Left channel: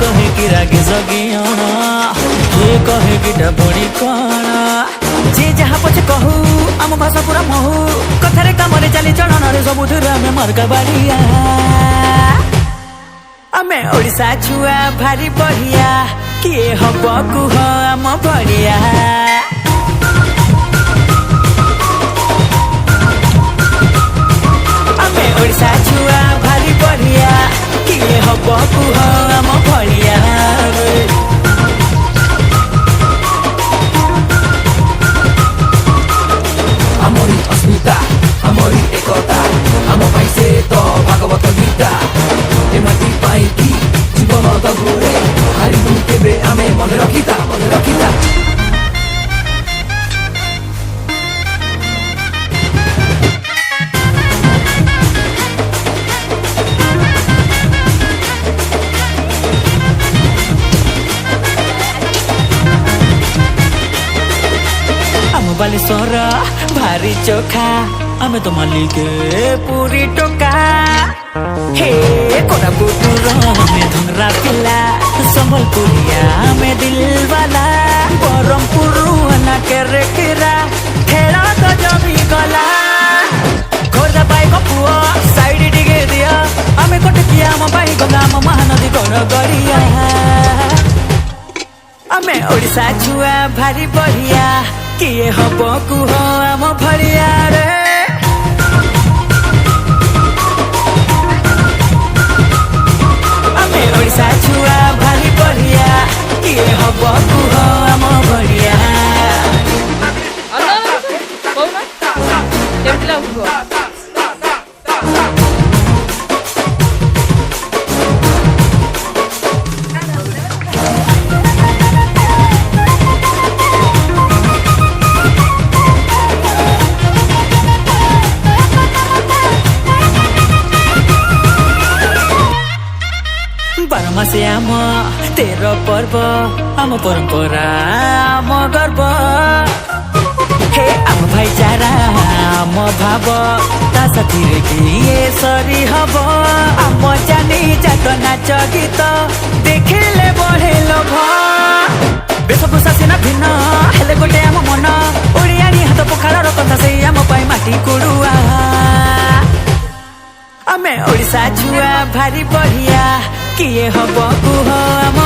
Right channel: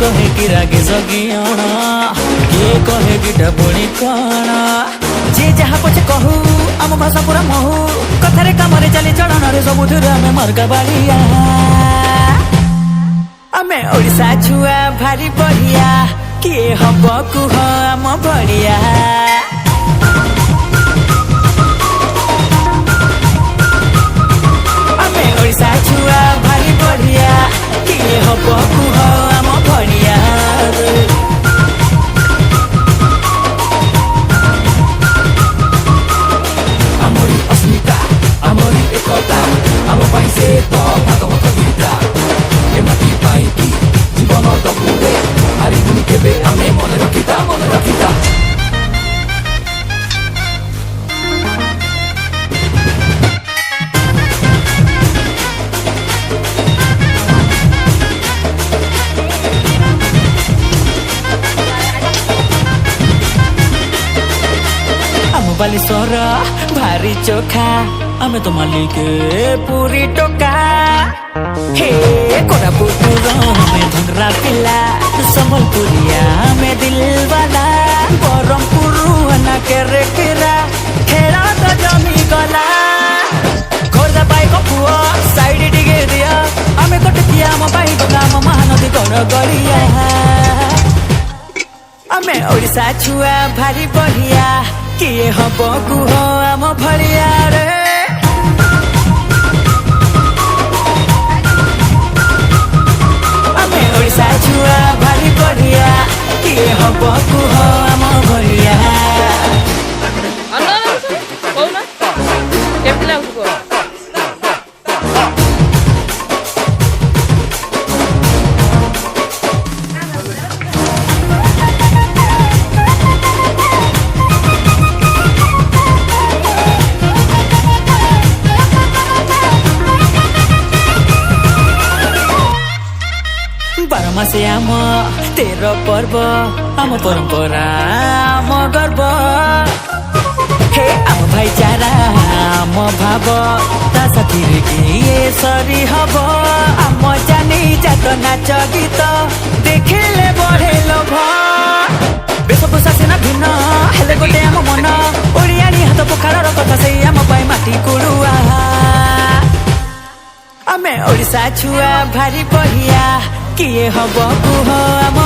कहे कि रागे जगियाण किए कहे कि डबुणी कण जे जहा पछे कहू आम भाषा पूरा महू कथारे कामरे चाली चलन रे सबुथिरे आमे मार्का बाड़िया आमे ओडिशा छुआ भारी बढ़िया किए हब कुह आम भड़िया आमे ओडिशा छुआ भारी बढ़िया किए हब कुह आम भड़िया आम बालेश्वर भारी चोखा आमे तो मालिक पूरी टोका हे कोरापुटुर में धंगरा पिला संबलपुरिया में दिलवाला बरमपुर ना केरे केरा खेला तो जमी गला खोर्दा पाइक पुआ साइड डिगे दिया आमे कटकिया आम पाई गंगा आम महानदी गड़ गड़िया आमे ओडिशा छुआ भारी बढ़िया किए हब कुह आम भड़िया रे आमे ओडिशा छुआ भारी बढ़िया किए हब कुह आम भड़िया केमती लाଗୁଥିବ बारमासे आम तेर पर्व आम परंपरा आम गर्व हे आम भाईचारा आम भाव ता साथी रे किए सरी हब आम जानी जात नाच गीत देखिले बढ़े लोभ वेशभूषा सिना भिन्न हेले गोटे आम मन ओडियानी हाथ पखाड़ कथा से आम पाई माटी कुड़ुआ आमे ओडिशा छुआ भारी बढ़िया किए हब कुह आम